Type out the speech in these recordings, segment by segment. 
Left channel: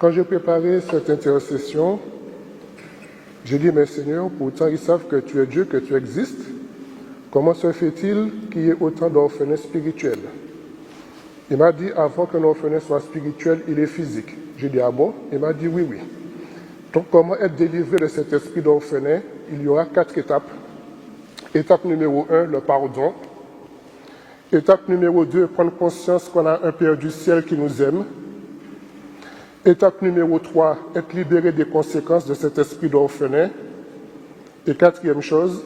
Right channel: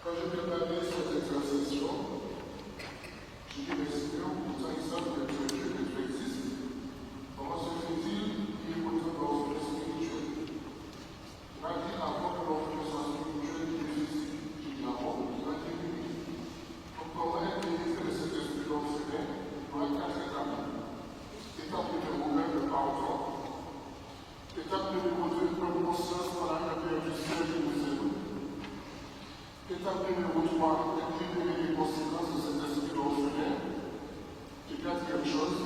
Quand j'ai préparé cette intercession, j'ai dit, mais Seigneur, pourtant ils savent que tu es Dieu, que tu existes. Comment se fait-il qu'il y ait autant d'orphelins spirituels? Il m'a dit, avant que l'orphelin soit spirituel, il est physique. J'ai dit, ah bon? Il m'a dit, oui, oui. Donc, comment être délivré de cet esprit d'orphelin? Il y aura 4 étapes. Étape numéro 1, le pardon. Étape numéro 2, prendre conscience qu'on a un Père du ciel qui nous aime. Étape numéro 3, être libéré des conséquences de cet esprit d'orphelin. Et 4e chose,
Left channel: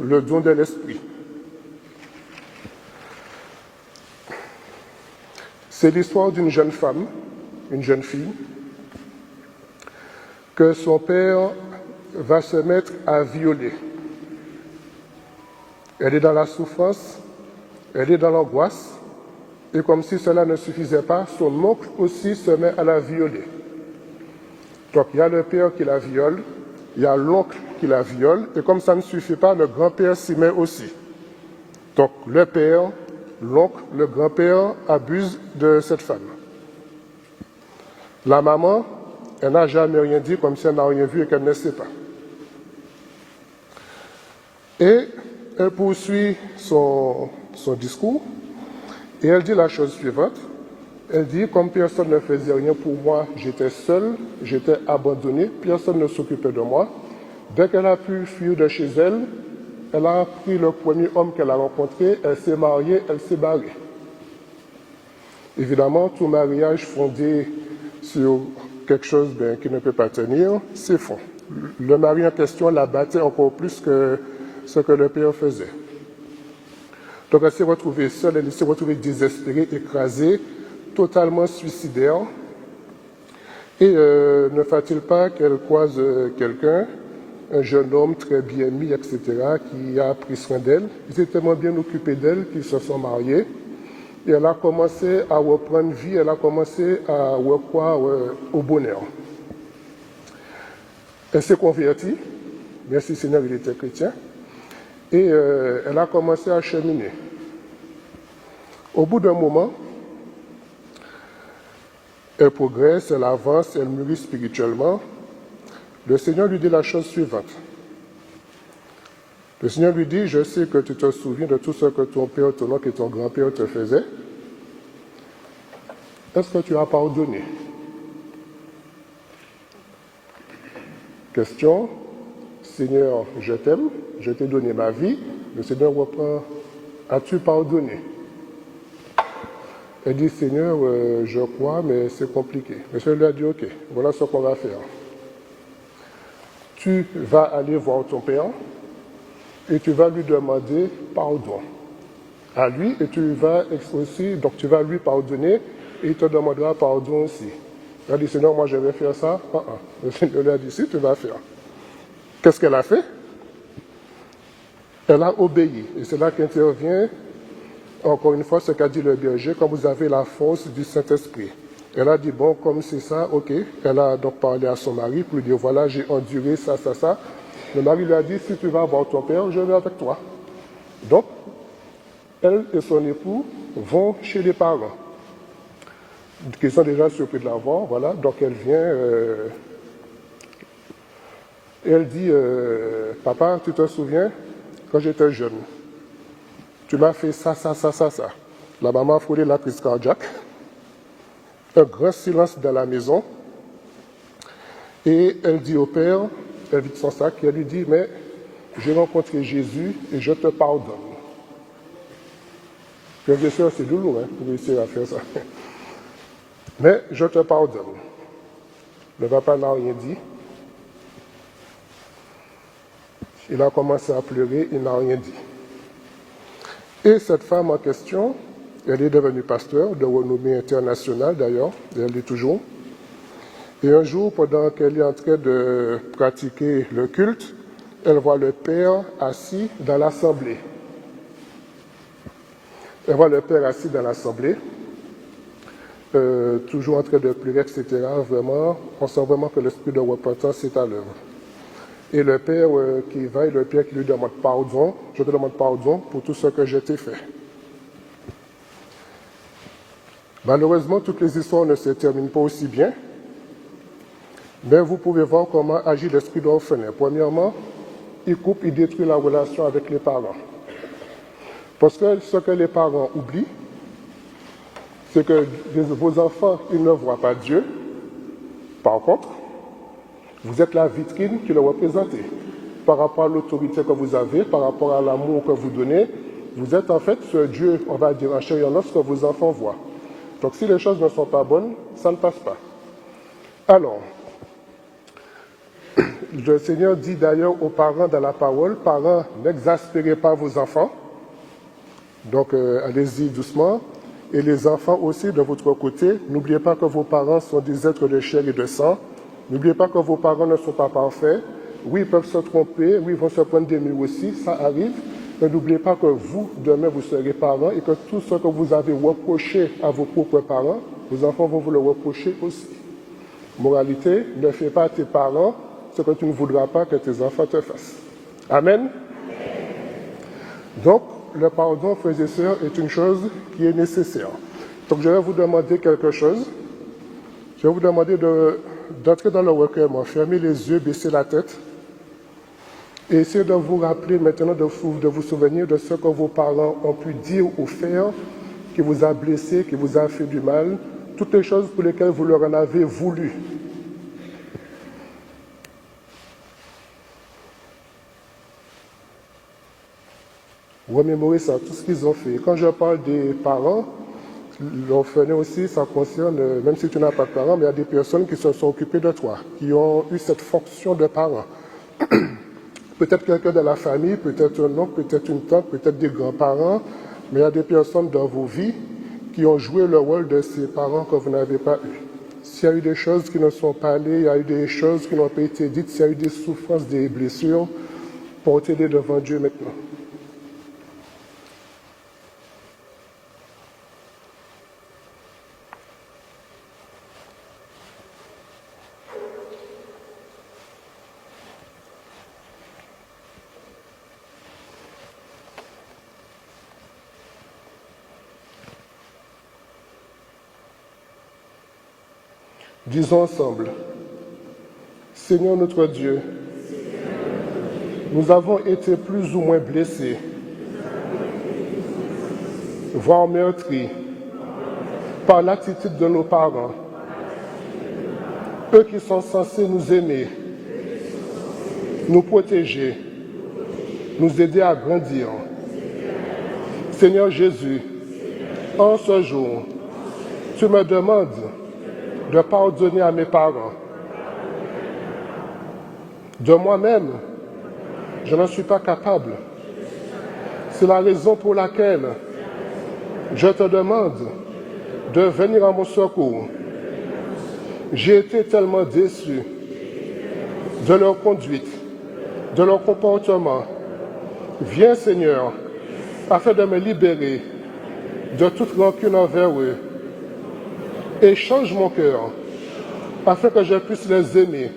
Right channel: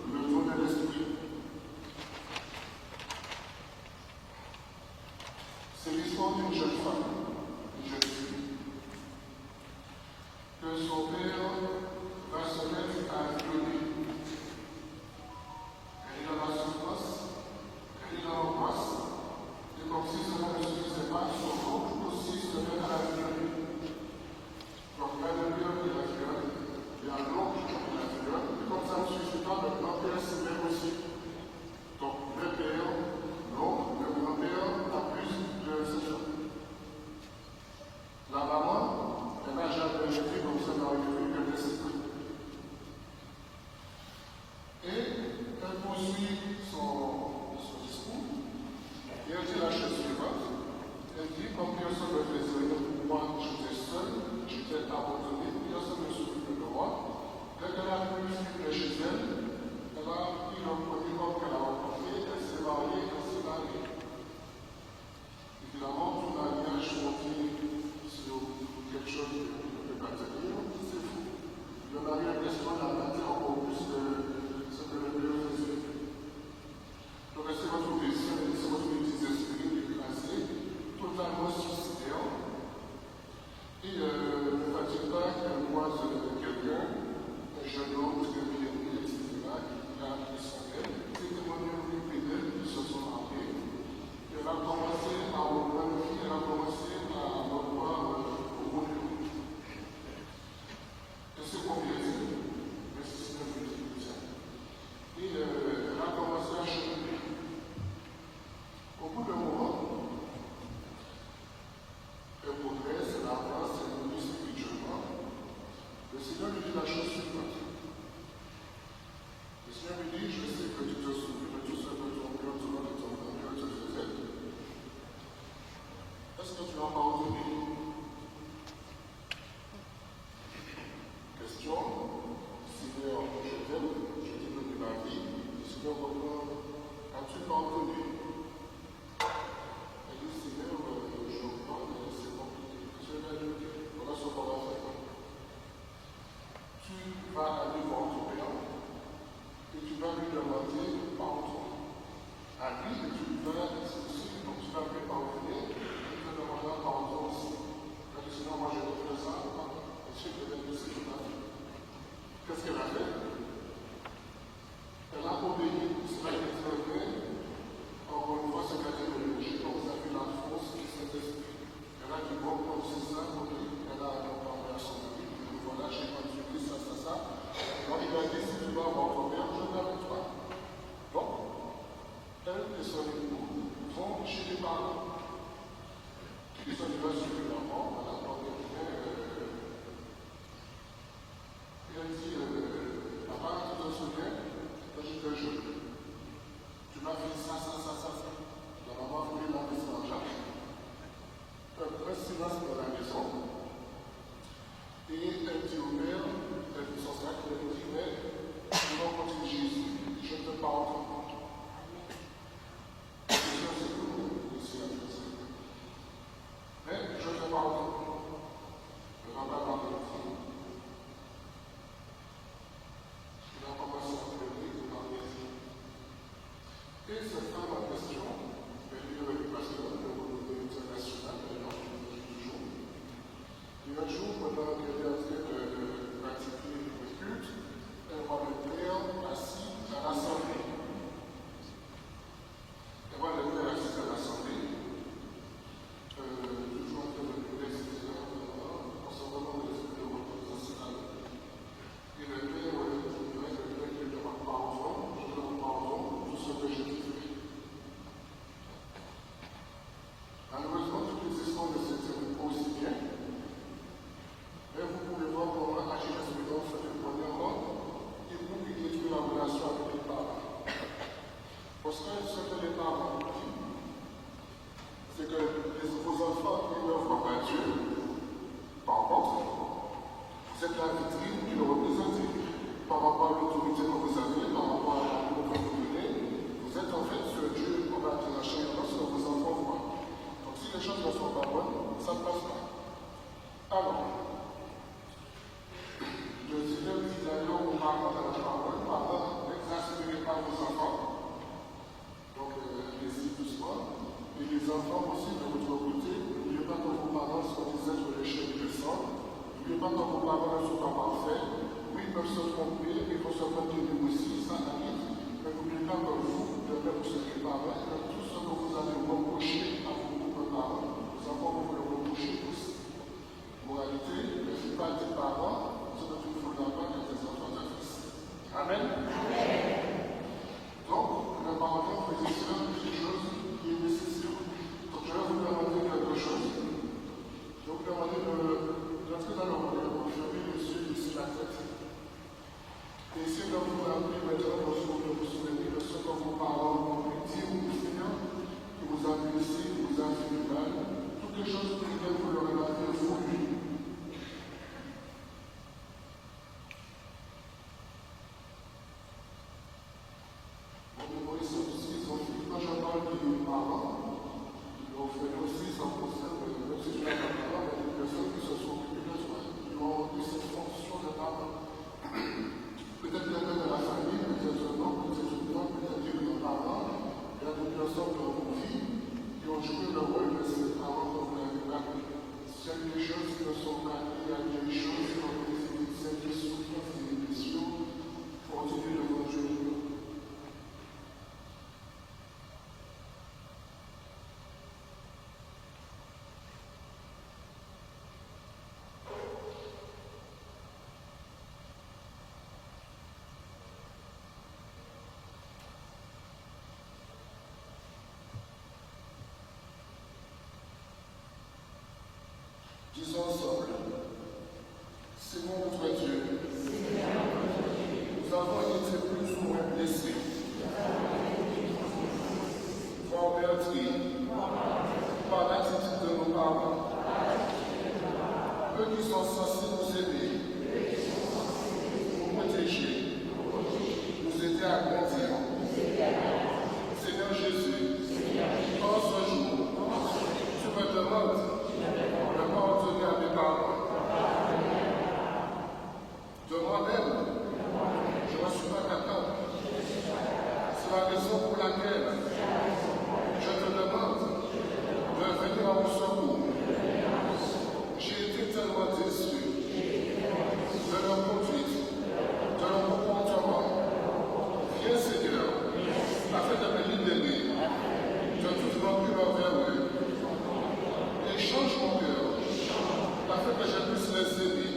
le don de l'esprit. C'est l'histoire d'une jeune femme, une jeune fille, que son père va se mettre à violer. Elle est dans la souffrance, elle est dans l'angoisse, et comme si cela ne suffisait pas, son oncle aussi se met à la violer. Donc il y a le père qui la viole, il y a l'oncle qui la viole, et comme ça ne suffit pas, le grand-père s'y met aussi. Donc le père, l'oncle, le grand-père abusent de cette femme. La maman, elle n'a jamais rien dit, comme si elle n'a rien vu et qu'elle ne sait pas. Et elle poursuit son discours et elle dit la chose suivante. Elle dit, comme personne ne faisait rien pour moi, j'étais seule, j'étais abandonnée, personne ne s'occupait de moi. Dès qu'elle a pu fuir de chez elle, elle a pris le premier homme qu'elle a rencontré, elle s'est mariée, elle s'est barrée. Évidemment, tout mariage fondé sur quelque chose qui ne peut pas tenir, c'est faux. Le mari en question la battait encore plus que ce que le père faisait. Donc elle s'est retrouvée seule, elle s'est retrouvée désespérée, écrasée, totalement suicidaire. Et ne faut-il pas qu'elle croise quelqu'un, un jeune homme très bien mis, etc., qui a pris soin d'elle. Ils étaient tellement bien occupés d'elle qu'ils se sont mariés. Et elle a commencé à reprendre vie, elle a commencé à recroire au bonheur. Elle s'est convertie, merci Seigneur, il était chrétien, et elle a commencé à cheminer. Au bout d'un moment, elle progresse, elle avance, elle mûrit spirituellement. Le Seigneur lui dit la chose suivante. Le Seigneur lui dit, je sais que tu te souviens de tout ce que ton père, ton oncle et ton grand-père te faisaient. Est-ce que tu as pardonné? Question, Seigneur, je t'aime, je t'ai donné ma vie. Le Seigneur reprend, as-tu pardonné? Elle dit, Seigneur, je crois, mais c'est compliqué. Le Seigneur lui a dit, ok, voilà ce qu'on va faire. Tu vas aller voir ton père et tu vas lui demander pardon à lui et tu vas aussi, donc tu vas lui pardonner et il te demandera pardon aussi. Elle a dit, Seigneur, moi je vais faire ça. Le Seigneur lui a dit, si tu vas faire. Qu'est-ce qu'elle a fait? Elle a obéi. Et c'est là qu'intervient, encore une fois, ce qu'a dit le berger, quand vous avez la force du Saint-Esprit. Elle a dit, bon, comme c'est ça, ok. Elle a donc parlé à son mari pour lui dire, voilà, j'ai enduré ça, ça, ça. Le mari lui a dit, si tu vas voir ton père, je vais avec toi. Donc, elle et son époux vont chez les parents, qui sont déjà surpris de la voir, voilà. Donc, elle vient, et elle dit, papa, tu te souviens, quand j'étais jeune, tu m'as fait ça, ça, ça, ça, ça. La maman a frôlé la crise cardiaque. Un grand silence dans la maison. Et elle dit au père, elle vide son sac, et elle lui dit, mais j'ai rencontré Jésus et je te pardonne. Bien sûr, c'est douloureux pour réussir à faire ça. Mais je te pardonne. Le papa n'a rien dit. Il a commencé à pleurer, il n'a rien dit. Et cette femme en question, elle est devenue pasteur de renommée internationale d'ailleurs, et elle l'est toujours. Et un jour, pendant qu'elle est en train de pratiquer le culte, elle voit le père assis dans l'assemblée. Elle voit le père assis dans l'assemblée, toujours en train de pleurer, etc. Vraiment, on sent vraiment que l'esprit de repentance est à l'œuvre. Et le père qui va, et le père qui lui demande pardon, je te demande pardon pour tout ce que je t'ai fait. Malheureusement, toutes les histoires ne se terminent pas aussi bien. Mais vous pouvez voir comment agit l'esprit d'orphelin. Premièrement, il coupe, il détruit la relation avec les parents. Parce que ce que les parents oublient, c'est que vos enfants, ils ne voient pas Dieu. Par contre, vous êtes la vitrine qui le représente. Par rapport à l'autorité que vous avez, par rapport à l'amour que vous donnez, vous êtes en fait ce Dieu, on va dire en chair et en os, que vos enfants voient. Donc si les choses ne sont pas bonnes, ça ne passe pas. Alors, le Seigneur dit d'ailleurs aux parents dans la parole, parents, n'exaspérez pas vos enfants. Donc allez-y doucement. Et les enfants aussi, de votre côté, n'oubliez pas que vos parents sont des êtres de chair et de sang. N'oubliez pas que vos parents ne sont pas parfaits. Oui, ils peuvent se tromper, oui, ils vont se prendre des nuits aussi, ça arrive. Mais n'oubliez pas que vous, demain, vous serez parents et que tout ce que vous avez reproché à vos propres parents, vos enfants vont vous le reprocher aussi. Moralité, ne fais pas à tes parents ce que tu ne voudras pas que tes enfants te fassent. Amen. Amen. Donc, le pardon, frères et sœurs, est une chose qui est nécessaire. Donc, je vais vous demander quelque chose. Je vais vous demander d'entrer dans le recueillement, fermer les yeux, baisser la tête. Et essayez de vous rappeler maintenant, de vous souvenir de ce que vos parents ont pu dire ou faire, qui vous a blessé, qui vous a fait du mal, toutes les choses pour lesquelles vous leur en avez voulu. Remémorez ça, tout ce qu'ils ont fait. Quand je parle des parents, l'orphelin aussi, ça concerne, même si tu n'as pas de parents, mais il y a des personnes qui se sont occupées de toi, qui ont eu cette fonction de parents. Peut-être quelqu'un de la famille, peut-être un oncle, peut-être une tante, peut-être des grands-parents, mais il y a des personnes dans vos vies qui ont joué le rôle de ces parents que vous n'avez pas eu. S'il y a eu des choses qui ne sont pas allées, il y a eu des choses qui n'ont pas été dites, s'il y a eu des souffrances, des blessures, portez-les devant Dieu maintenant. Disons ensemble, Seigneur notre Dieu, nous avons été plus ou moins blessés, voire meurtris, par l'attitude de nos parents, eux qui sont censés nous aimer, nous protéger, nous aider à grandir. Seigneur Jésus, en ce jour, tu me demandes de pardonner à mes parents. De moi-même, je n'en suis pas capable. C'est la raison pour laquelle je te demande de venir à mon secours. J'ai été tellement déçu de leur conduite, de leur comportement. Viens, Seigneur, afin de me libérer de toute rancune envers eux. Et change mon cœur, afin que je puisse les aimer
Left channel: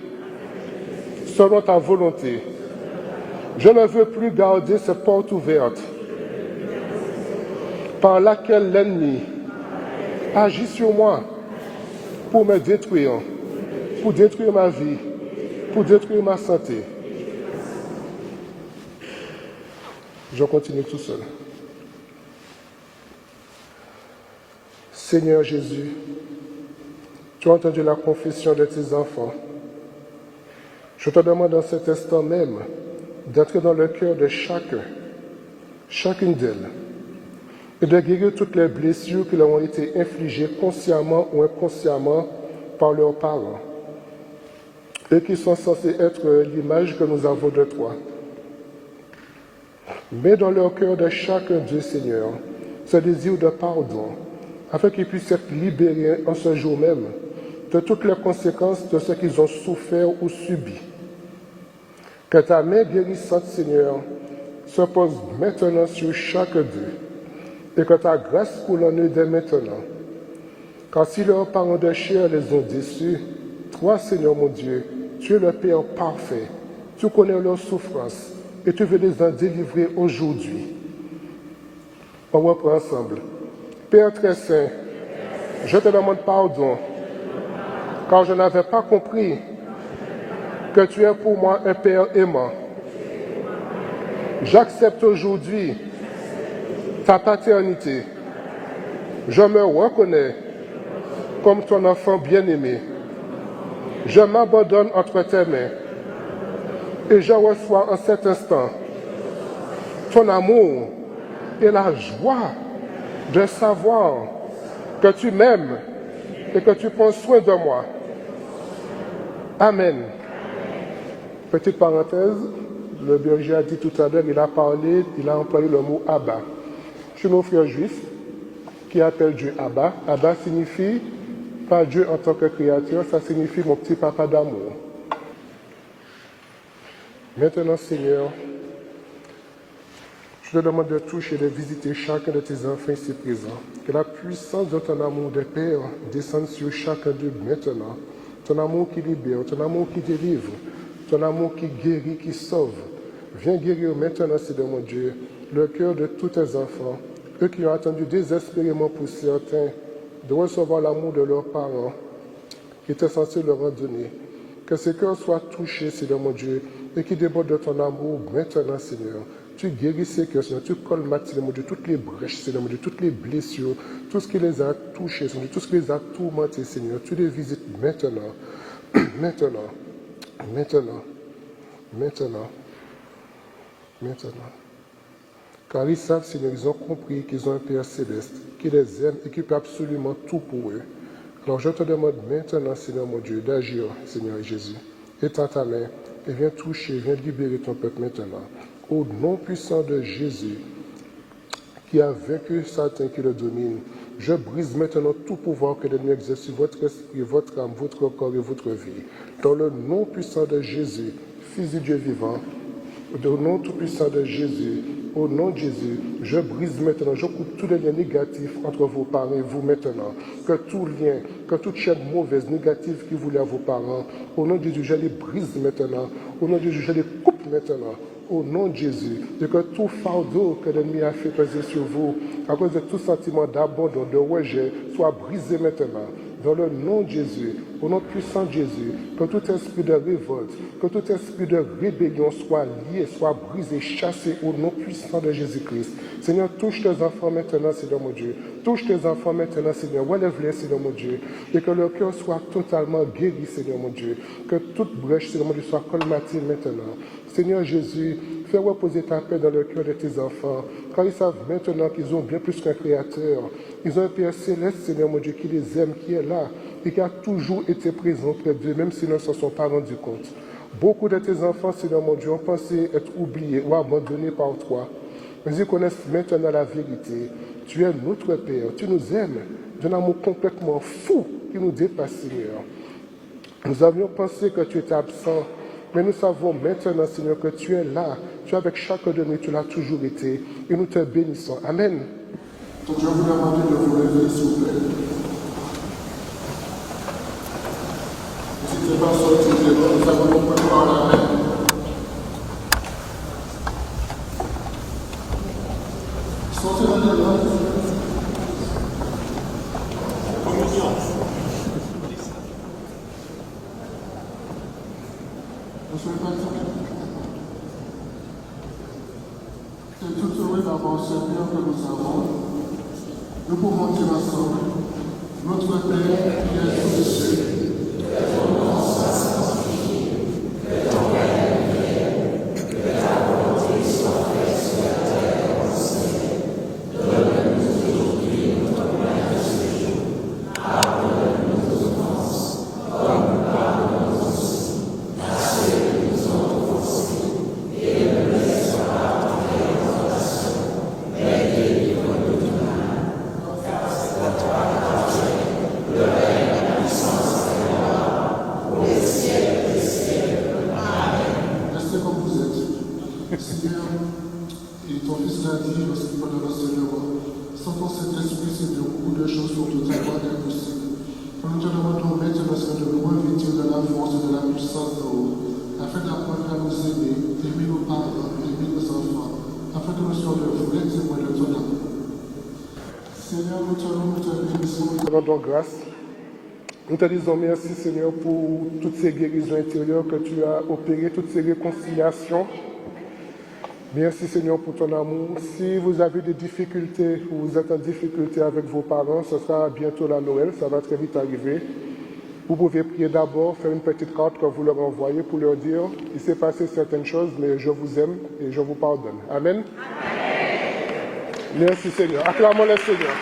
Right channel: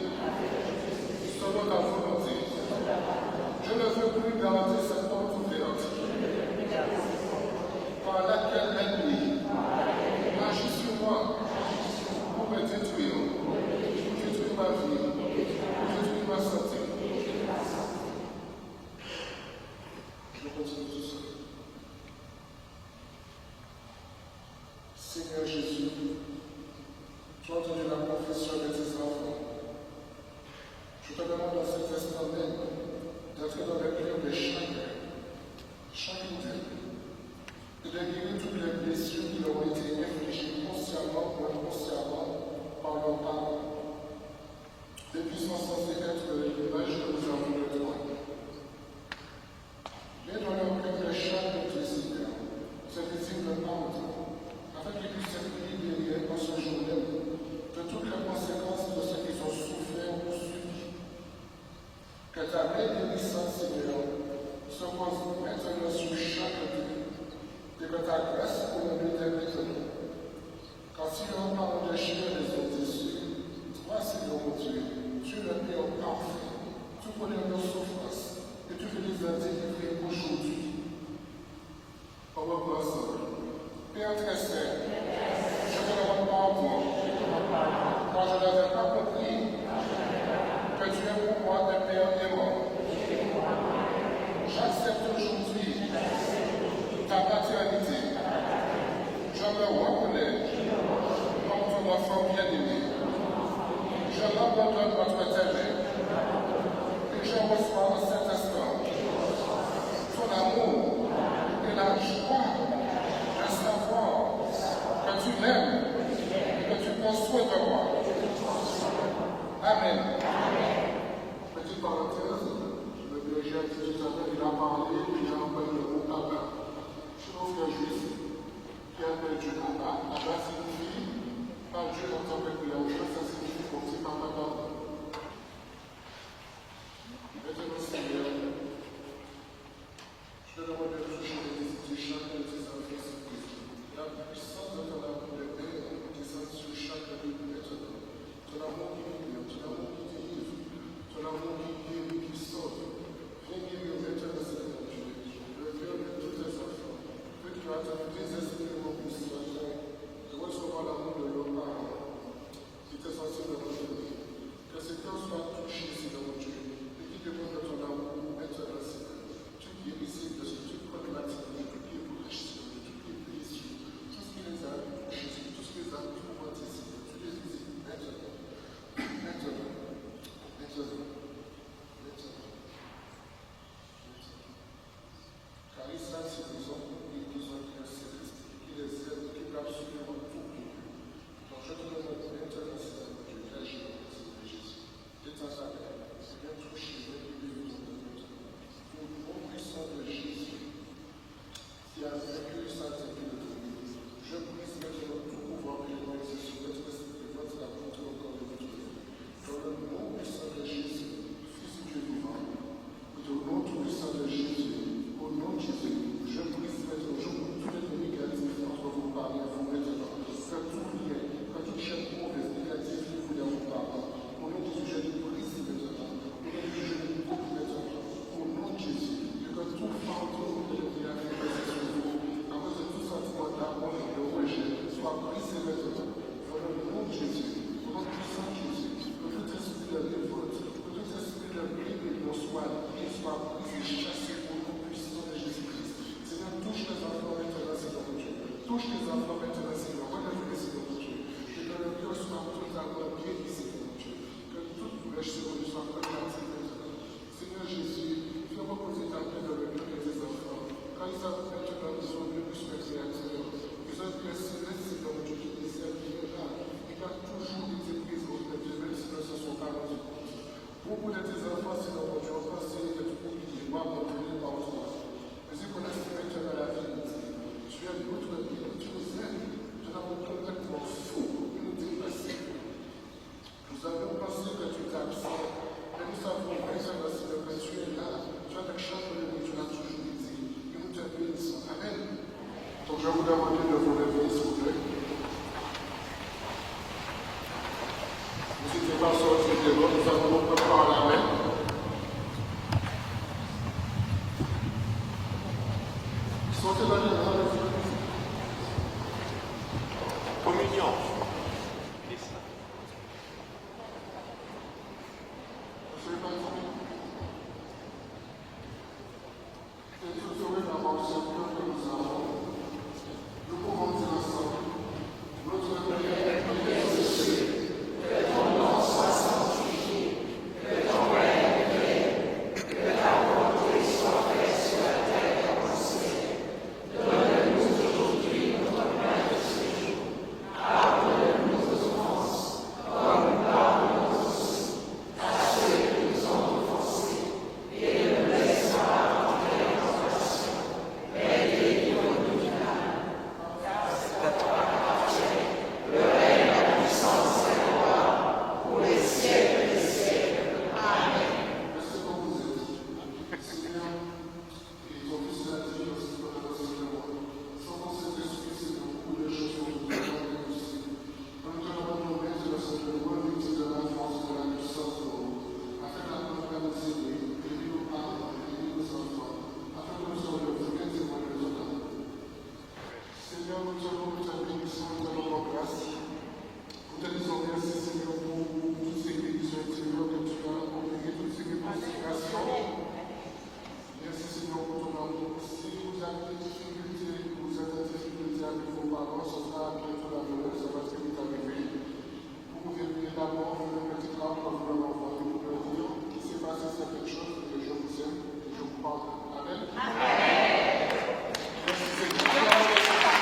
selon ta volonté. Je ne veux plus garder cette porte ouverte par laquelle l'ennemi agit sur moi pour me détruire, pour détruire ma vie, pour détruire ma santé. Je continue tout seul. Seigneur Jésus, tu as entendu la confession de tes enfants. Je te demande en cet instant même d'entrer dans le cœur de chacune d'elles, et de guérir toutes les blessures qui leur ont été infligées consciemment ou inconsciemment par leurs parents, et qui sont censés être l'image que nous avons de toi. Mets dans leur cœur de chacun d'eux, Seigneur, ce désir de pardon, afin qu'ils puissent être libérés en ce jour même de toutes les conséquences de ce qu'ils ont souffert ou subi. Que ta main guérissante, Seigneur, se pose maintenant sur chaque d'eux, et que ta grâce coule en eux dès maintenant. Car si leurs parents de chair les ont déçus, toi, Seigneur mon Dieu, tu es le Père parfait, tu connais leurs souffrances, et tu veux les en délivrer aujourd'hui. On reprend ensemble. Père très saint, je te demande pardon, car je n'avais pas compris que tu es pour moi un Père aimant. J'accepte aujourd'hui ta paternité. Je me reconnais comme ton enfant bien-aimé. Je m'abandonne entre tes mains et je reçois en cet instant ton amour et la joie de savoir que tu m'aimes et que tu prends soin de moi. Amen. Petite parenthèse, le berger a dit tout à l'heure, il a parlé, il a employé le mot Abba. Chez nos frères juifs, qui appellent Dieu Abba, Abba signifie pas Dieu en tant que créateur, ça signifie mon petit papa d'amour. Maintenant, Seigneur, je te demande de toucher, de visiter chacun de tes enfants ici présents. Que la puissance de ton amour de Père descende sur chacun d'eux maintenant. Ton amour qui libère, ton amour qui délivre, ton amour qui guérit, qui sauve. Viens guérir maintenant, Seigneur mon Dieu, le cœur de tous tes enfants, eux qui ont attendu désespérément pour certains de recevoir l'amour de leurs parents qui étaient censés leur en donner. Que ces cœurs soient touchés, Seigneur mon Dieu, et qui débordent de ton amour maintenant, Seigneur. Tu guéris ces cœurs, Seigneur, tu colmates, Seigneur mon Dieu, toutes les brèches, Seigneur mon Dieu, toutes les blessures, tout ce qui les a touchés, Seigneur, tout ce qui les a tourmentés, Seigneur. Tu les visites maintenant, maintenant, maintenant, maintenant, maintenant. Car ils savent, Seigneur, ils ont compris qu'ils ont un Père céleste, qui les aime et qui peut absolument tout pour eux. Alors je te demande maintenant, Seigneur mon Dieu, d'agir, Seigneur Jésus. Étends ta main et viens toucher, viens libérer ton peuple maintenant. Au nom puissant de Jésus, qui a vaincu Satan qui le domine, je brise maintenant tout pouvoir que l'ennemi exerce sur votre esprit, votre âme, votre corps et votre vie. Dans le nom puissant de Jésus, Fils du Dieu vivant, au nom tout puissant de Jésus, au nom de Jésus, je brise maintenant, je coupe tous les liens négatifs entre vos parents et vous maintenant. Que tout lien, que toute chaîne mauvaise, négative qui vous lie à vos parents, au nom de Jésus, je les brise maintenant. Au nom de Jésus, je les coupe maintenant. Au nom de Jésus, et que tout fardeau que l'ennemi a fait peser sur vous, à cause de tout sentiment d'abandon, de rejet, soit brisé maintenant. Dans le nom de Jésus, au nom puissant de Jésus, que tout esprit de révolte, que tout esprit de rébellion soit lié, soit brisé, chassé au nom puissant de Jésus-Christ. Seigneur, touche tes enfants maintenant, Seigneur mon Dieu. Touche tes enfants maintenant, Seigneur. Relève-les, Seigneur mon Dieu. Et que leur cœur soit totalement guéri, Seigneur mon Dieu. Que toute brèche, Seigneur mon Dieu, soit colmatée maintenant. Seigneur Jésus, fais reposer ta paix dans le cœur de tes enfants, car ils savent maintenant qu'ils ont bien plus qu'un Créateur. Ils ont un Père céleste, Seigneur mon Dieu, qui les aime, qui est là, et qui a toujours été présent près d'eux, même s'ils ne s'en sont pas rendus compte. Beaucoup de tes enfants, Seigneur mon Dieu, ont pensé être oubliés ou abandonnés par toi. Mais ils connaissent maintenant la vérité. Tu es notre Père, tu nous aimes d'un amour complètement fou qui nous dépasse, Seigneur. Nous avions pensé que tu étais absent, mais nous savons maintenant, Seigneur, que tu es là. Tu es avec chacun de nous, tu l'as toujours été. Et nous te bénissons. Amen. Donc je vais vous demander de vous lever, s'il vous plaît. N'hésitez pas à sortir des mains, nous avons un peu de parole. Sortez dans les mains. Communion. Ne soyez pas fatigués. C'est tout heureux d'avoir le Seigneur que nous avons. Nous pouvons dire ensemble, notre Père qui est aux cieux, que ton nom soit sanctifié, que ton règne vienne, que ta volonté soit faite sur la terre comme au ciel. Donne-nous aujourd'hui notre pain de ce jour. Pardonne-nous nos offenses, comme nous pardonnons aussi à ceux qui nous ont offensés, et ne nous laisse pas entrer en tentation, mais délivre-nous du mal. Le règne, la puissance et la gloire, pour les siècles des siècles. Amen. Restez comme vous êtes. Seigneur, et ton Fils l'a dit lorsqu'il parlait au Seigneur, sans penser très suffisant de beaucoup de choses pour tout avoir est possible. Nous te demandons maintenant, Seigneur, de nous revêtir de la force et de la puissance de haut, afin d'apprendre à nous aimer, aimer nos parents, aimer nos enfants, afin que nous soyons de vrais témoins de ton amour. Seigneur, nous te bénissons. Nous rendons grâce Nous te disons merci, Seigneur, pour toutes ces guérisons intérieures que tu as opérées, toutes ces réconciliations. Merci, Seigneur, pour ton amour. Si vous avez des difficultés ou vous êtes en difficulté avec vos parents, ce sera bientôt la Noël, ça va très vite arriver. Vous pouvez prier d'abord, faire une petite carte que vous leur envoyez pour leur dire « Il s'est passé certaines choses, mais je vous aime et je vous pardonne. » Amen. Amen. Merci, Seigneur. Acclamons le Seigneur.